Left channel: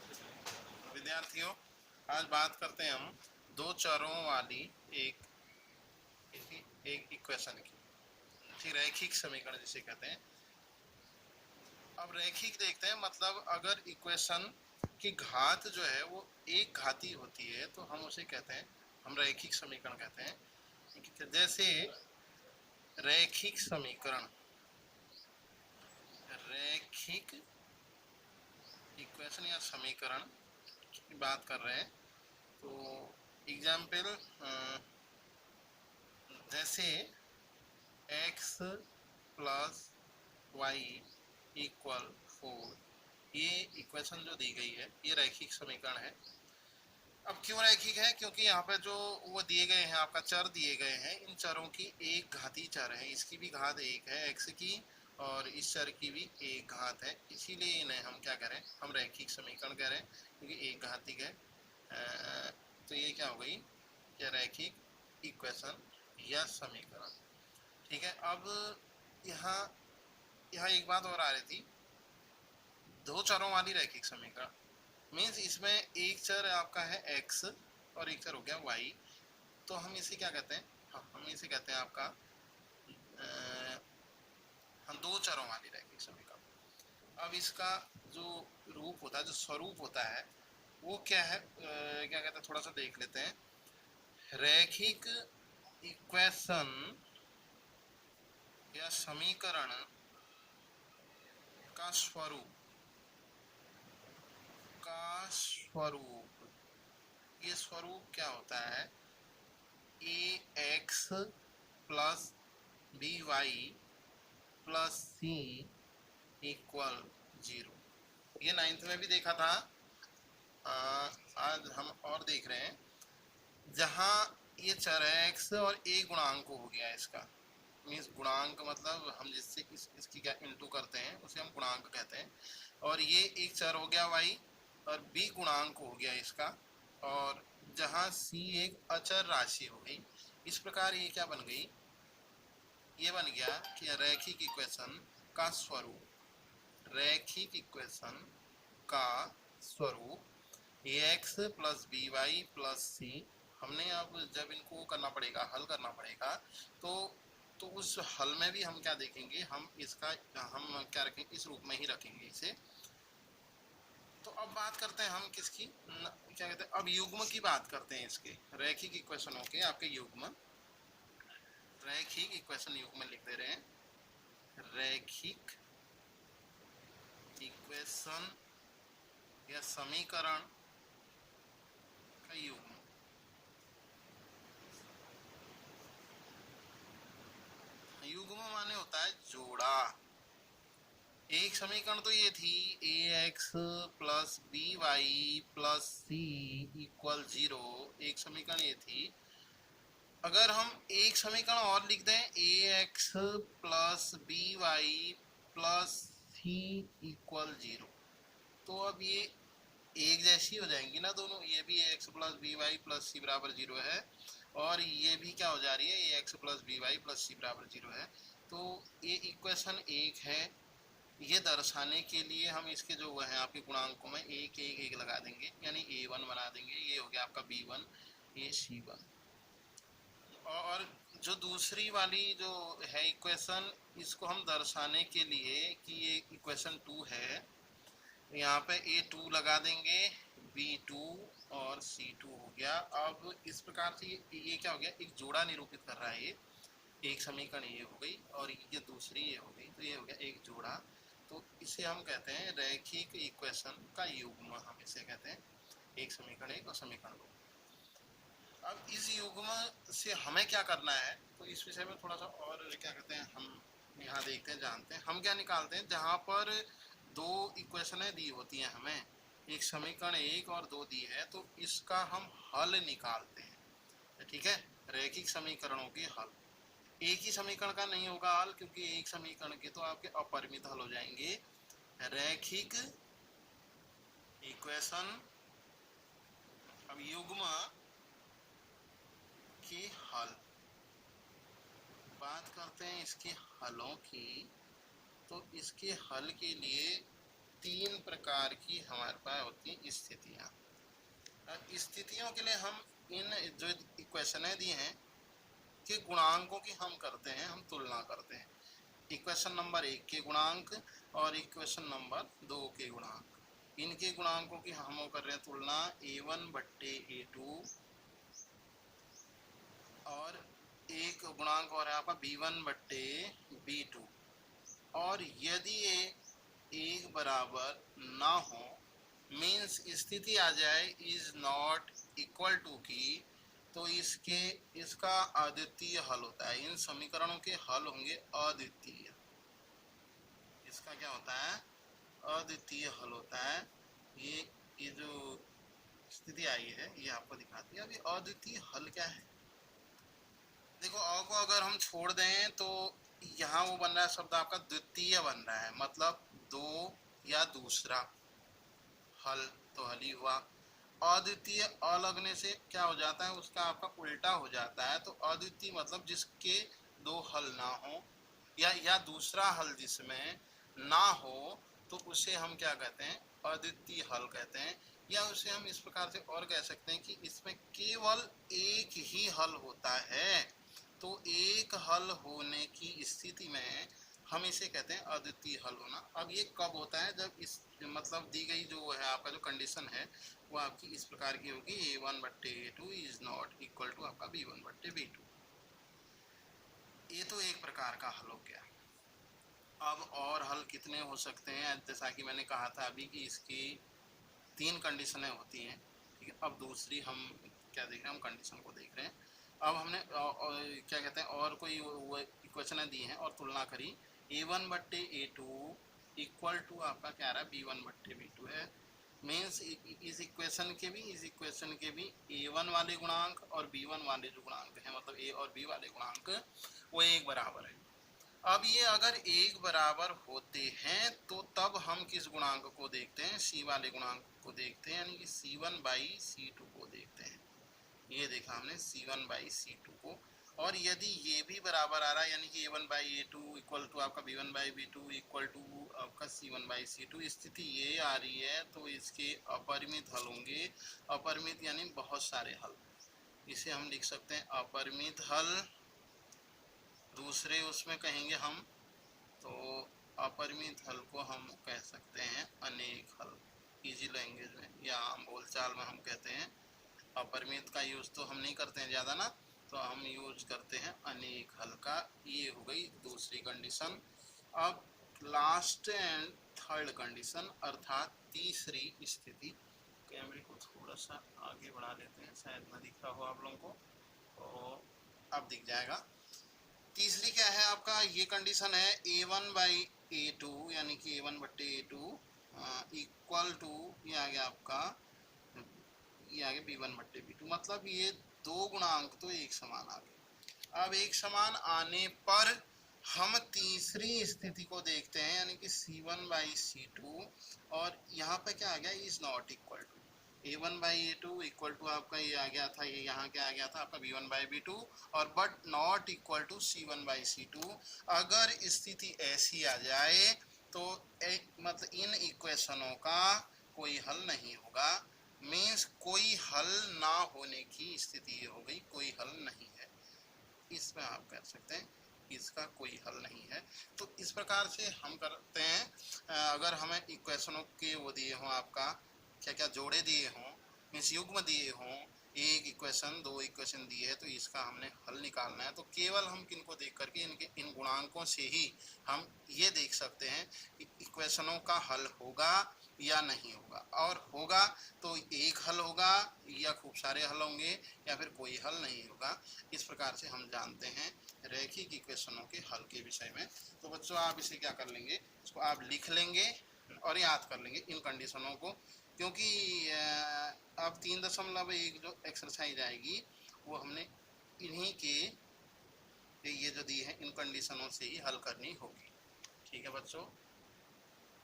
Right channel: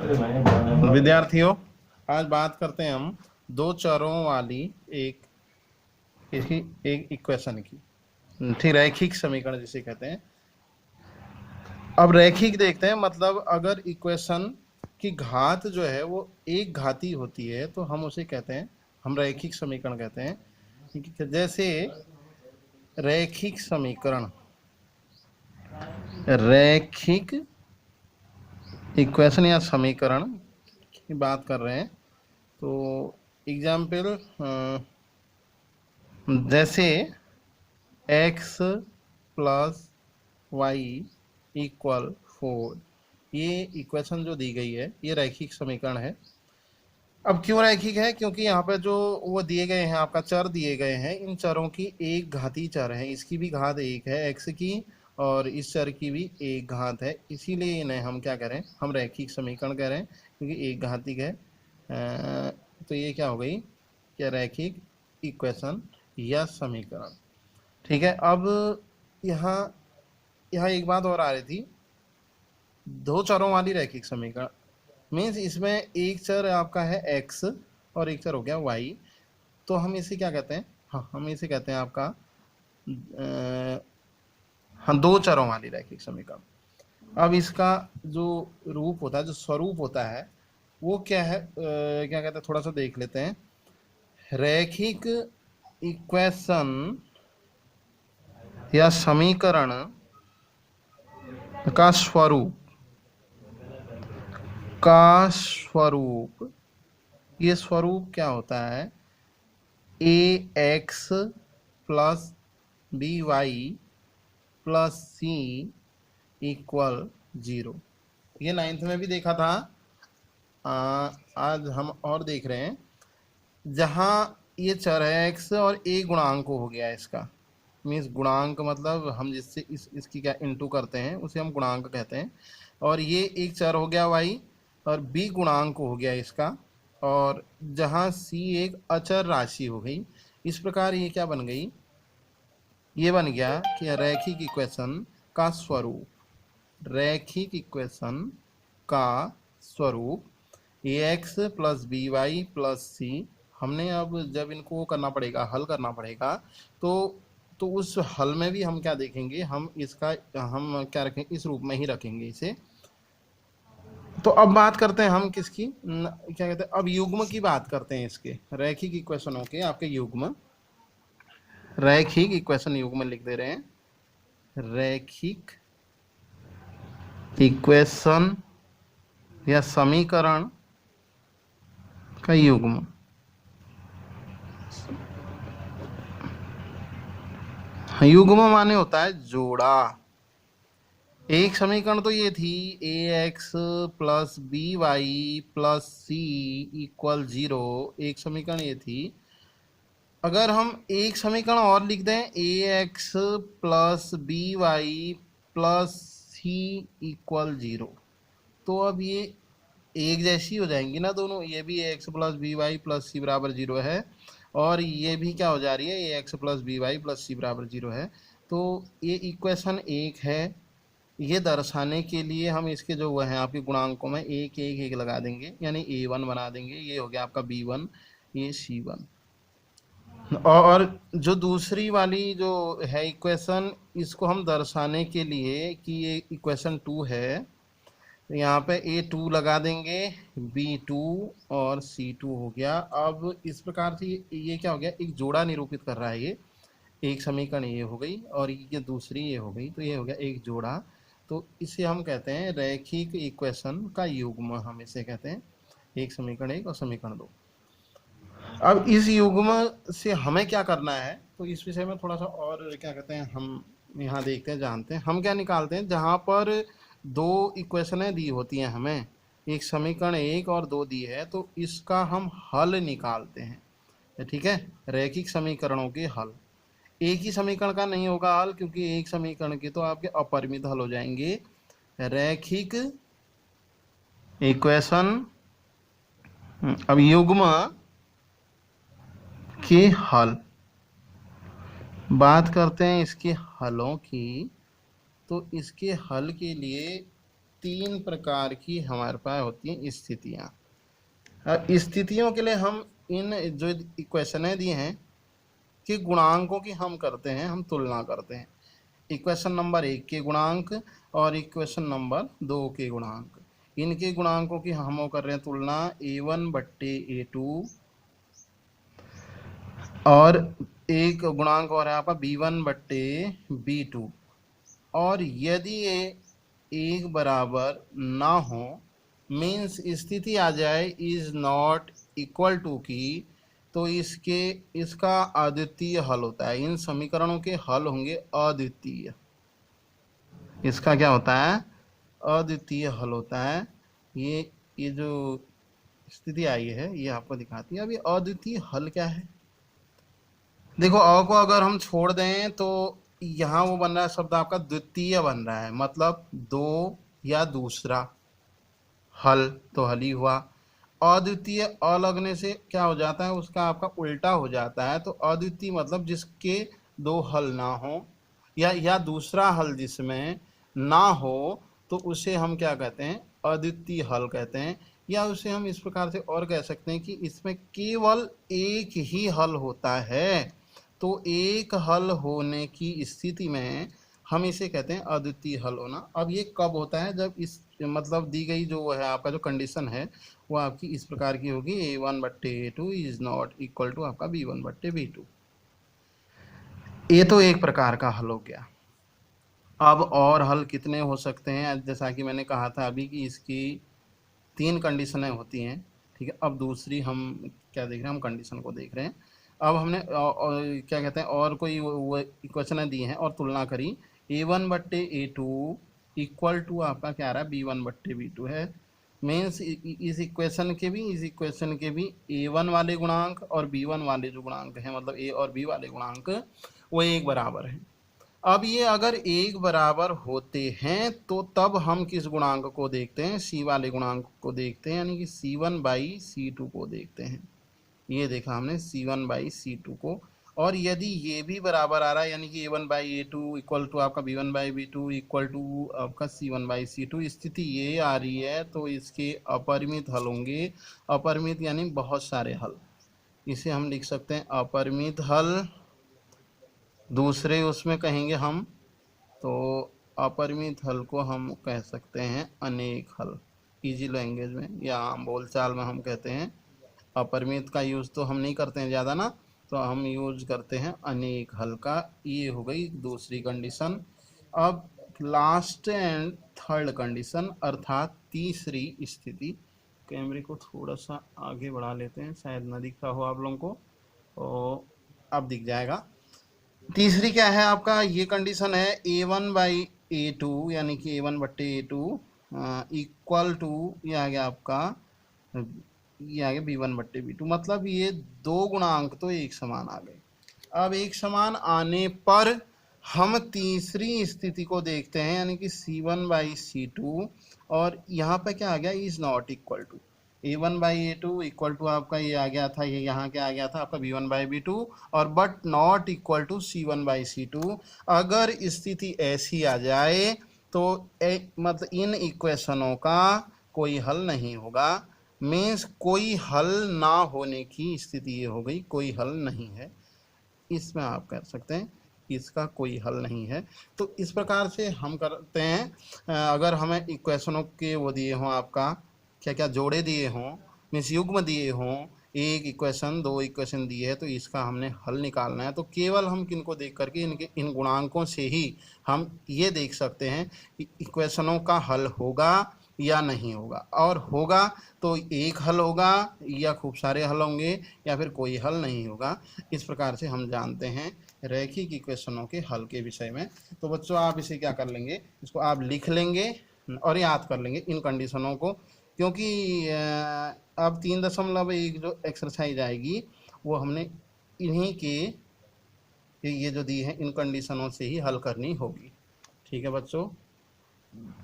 विद्यार्थियों, आज बात करते हैं हम दो चरों वाली एक इसकी एक इक्वेशन की। ठीक, रैखिक समीकरण जिसे कहते हैं। अब रैखिक देखते हैं, मतलब अगर इक्वेशन की घात जो है वो एक घाती होती है तो हम उसे कहते हैं, हम रैखिक समीकरण कहते हैं। जैसे रैखिक समीकरण, रैखिक इक्वेशन या समीकरण की बात कर रहे हैं तो एग्जाम्पल जैसे x प्लस वाई इक्वल 4, ये इक्वेशन जो दी गई है ये रैखिक समीकरण है। अब क्यों रैखिक है? क्योंकि यहाँ पे जो वो दिए गए हैं, आपका चर दिए गए हैं, इन चरों की एक घाती चर है, इसकी भी घात एक है x की और इस चर की भी एक घात है, इसीलिए इन्हें हम क्या करें, हम रैखिक समीकरण कह रहे हैं क्योंकि एक घातिक है। तो ये क्या हो गई, क्या रैखिक इक्वेशन या समीकरण। ठीक है। अब यहाँ यहाँ एक बात और आ रही थी, दो चरों वाली रैखिक समीकरण मीन्स इसमें एक चर आपका है x और एक चर हो गया y, तो हम इसे क्या कहते हैं, हाँ हम इसे कहते हैं आपका हाँ दो चरों वाली रैखिक समीकरण। अब इसका जो रूप होता है, जो स्वरूप होता है वो क्या है, क्या कहते हैं, थोड़ा सा देख लेते हैं। रैखिक इक्वेशन या समीकरण का स्वरूप, ये स्वरूप क्या होता है, ax plus b y plus c equal 0। ये 9th में भी देखा था, आज हम और देख रहे हैं। जहाँ ये चर है x और a गुणांक हो गया इसका, मीन्स गुणांक मतलब हम जिससे इसकी क्या इंटू करते हैं उसे हम गुणांक कहते हैं। और ये एक चर हो गया y और b गुणांक हो गया इसका, और जहाँ c एक अचर राशि हो गई। इस प्रकार ये क्या बन गई, ये बन गया कि रैखिक इक्वेशन का स्वरूप, रैखिक इक्वेशन का स्वरूप ax plus b y plus c. हमने अब जब इनको करना पड़ेगा, हल करना पड़ेगा, तो उस हल में भी हम क्या देखेंगे, हम इसका हम क्या रखेंगे, इस रूप में ही रखेंगे इसे। तो अब बात करते हैं हम किसकी, क्या कहते हैं, अब युग्म की बात करते हैं इसके, रैखिक इक्वेशनों के आपके युग्म, रैखिक इक्वेशन युग्म लिख दे रहे हैं, रैखिक इक्वेशन या समीकरण का युग्म। युग्म माने होता है जोड़ा। एक समीकरण तो ये थी ax plus b y plus c equal 0, एक समीकरण ये थी। अगर हम एक समीकरण और लिख दें ax plus b y plus c equal 0, तो अब ये एक जैसी हो जाएंगी ना दोनों, ये भी ax plus b y plus c बराबर 0 है और ये भी क्या हो जा रही है, ax plus b y plus c बराबर 0 है। तो ये इक्वेशन एक है। ये दर्शाने के लिए हम इसके जो वह हैं आपके गुणांकों में एक एक एक लगा देंगे, यानी a1 बना देंगे, ये हो गया आपका b1, ये c1। और जो दूसरी वाली जो है इक्वेशन, इसको हम दर्शाने के लिए कि ये इक्वेशन 2 है, यहाँ पे a2 लगा देंगे, b2 और c2 हो गया। अब इस प्रकार से ये क्या हो गया, एक जोड़ा निरूपित कर रहा है। ये एक समीकरण ये हो गई और ये दूसरी ये हो गई, तो ये हो गया एक जोड़ा। तो इसे हम कहते हैं रैखिक इक्वेशन का युग्म, हम इसे कहते हैं, एक समीकरण एक और समीकरण दो। अब इस युग्म से हमें क्या करना है, तो इस विषय में थोड़ा सा और क्या कहते हैं, हम यहाँ देखते हैं, जानते हैं हम क्या निकालते हैं। जहाँ पर दो इक्वेशनें दी होती हैं हमें, एक समीकरण एक और दो दी है, तो इसका हम हल निकालते हैं। ठीक है, रैखिक समीकरणों के हल। एक ही समीकरण का नहीं होगा हल, क्योंकि एक समीकरण के तो आपके अपरिमित हल हो जाएंगे। रैखिक इक्वेशन, अब युग्म के हल, बात करते हैं इसके हलों की। तो इसके हल के लिए तीन प्रकार की हमारे पास होती हैं स्थितियाँ। स्थितियों के लिए हम इन जो इक्वेशनें दी हैं कि गुणांकों की हम करते हैं, हम तुलना करते हैं। इक्वेशन नंबर 1 के गुणांक और इक्वेशन नंबर 2 के गुणांक, इनके गुणांकों की हम कर रहे हैं तुलना a1 बट्टे a2, और एक गुणांक और है आपका b1 बट्टे b2। और यदि ये एक बराबर ना हो, मीन्स स्थिति आ जाए इज नॉट इक्वल टू की, तो इसका अद्वितीय हल होता है। इन समीकरणों के हल होंगे अद्वितीय। इसका क्या होता है? अद्वितीय हल होता है। ये जो स्थिति आई है ये आपको दिखाती है। अब ये अद्वितीय हल क्या है? देखो, अ को अगर हम छोड़ दें तो यहाँ वो बन रहा है शब्द आपका द्वितीय बन रहा है, मतलब दो या दूसरा। हल तो हल ही हुआ। अद्वितीय अ लगने से क्या हो जाता है, उसका आपका उल्टा हो जाता है। तो अद्वितीय मतलब जिसके दो हल ना हो, या दूसरा हल जिसमें ना हो, तो उसे हम क्या कहते हैं? अद्वितीय हल कहते हैं। या उसे हम इस प्रकार से और कह सकते हैं कि इसमें केवल एक ही हल होता है। तो एक हल होने की स्थिति में हम इसे कहते हैं अद्वितीय हल होना। अब ये कब होता है? जब इस मतलब दी गई जो है आपका जो कंडीशन है वो आपकी इस प्रकार की होगी, a1 बट्टे a2 is not equal to आपका b1 बट्टे b2। ये तो एक प्रकार का हल हो गया। अब और हल कितने हो सकते हैं? जैसा कि मैंने कहा था अभी कि इसकी तीन कंडीशनें होती हैं। ठीक है, अब दूसरी हम क्या देख रहे हैं? हम कंडीशन को देख रहे हैं। अब हमने क्या कहते हैं, और कोई वो इक्वेशनें दी हैं और तुलना करी। a1 बट्टे a2 इक्वल टू आपका क्या आ रहा है? b1 बट्टे b2 है। मीन्स इस इक्वेशन के भी a1 वाले गुणांक और b1 वाले जो गुणांक हैं, मतलब a और b वाले गुणांक, वो एक बराबर हैं। अब ये अगर एक बराबर होते हैं तो तब हम किस गुणांक को देखते हैं? सी वाले गुणांक को देखते हैं, यानी कि c1 बाई c2 को देखते हैं। ये देखा हमने c1 बाई c2 को। और यदि ये भी बराबर आ रहा है, यानी कि a1 by a2 equal to आपका b1 by b2 equal to आपका c1 बाई c2, स्थिति ये आ रही है, तो इसके अपरिमित हल होंगे। अपरिमित यानी बहुत सारे हल। इसे हम लिख सकते हैं अपरिमित हल। दूसरे उसमें कहेंगे हम, तो अपरिमित हल को हम कह सकते हैं अनेक हल। इजी लैंग्वेज में या आम बोलचाल में हम कहते हैं। अपरिमित का यूज़ तो हम नहीं करते हैं ज़्यादा ना, तो हम यूज करते हैं अनेक हल का। ये हो गई दूसरी कंडीशन। अब लास्ट एंड थर्ड कंडीशन अर्थात तीसरी स्थिति। कैमरे को थोड़ा सा आगे बढ़ा लेते हैं, शायद ना दिख रहा हो आप लोगों को, तो अब दिख जाएगा। तीसरी क्या है आपका? ये कंडीशन है a1 बाई a2, यानी कि a1 बट्टे a2 इक्वल टू, ये आ गया आपका, ये आ गया b1 बट्टे b2। मतलब ये दो गुणांक तो एक समान आ गए। अब एक समान आने पर हम तीसरी स्थिति को देखते हैं, यानी कि c1 बाई c2, और यहाँ पे क्या आ गया? Is not equal to a1 by a2 equal to आपका ये आ गया था, ये यहाँ क्या आ गया था आपका b1 बाई b2, और but not equal to c1 by c2। अगर स्थिति ऐसी आ जाए तो मतलब इन इक्वेशनों का कोई हल नहीं होगा। मीन्स कोई हल ना होने की स्थिति ये हो गई, कोई हल नहीं है। इसमें आप कह सकते हैं इसका कोई हल नहीं है। तो इस प्रकार से हम करते हैं। अगर हमें इक्वेशनों के वो दिए हों, आपका क्या क्या जोड़े दिए हों, मीन्स युग्म दिए हों, एक इक्वेशन दो इक्वेशन दिए है, तो इसका हमने हल निकालना है। तो केवल हम किनको देख करके इनके इन गुणांकों से ही हम ये देख सकते हैं कि इक्वेशनों का हल होगा या नहीं होगा। और होगा तो एक हल होगा, या खूब सारे हल होंगे, या फिर कोई हल नहीं होगा। इस प्रकार से हम जानते हैं रैखिक इक्वेशनों के हल के विषय में। तो बच्चों, आप इसे क्या कर लेंगे? इसको आप लिख लेंगे और याद कर लेंगे इन कंडीशनों को, क्योंकि अब 3.1 जो एक्सरसाइज आएगी वो हमने इन्हीं के ये जो दी है इन कंडीशनों से ही हल करनी होगी। ठीक है बच्चों।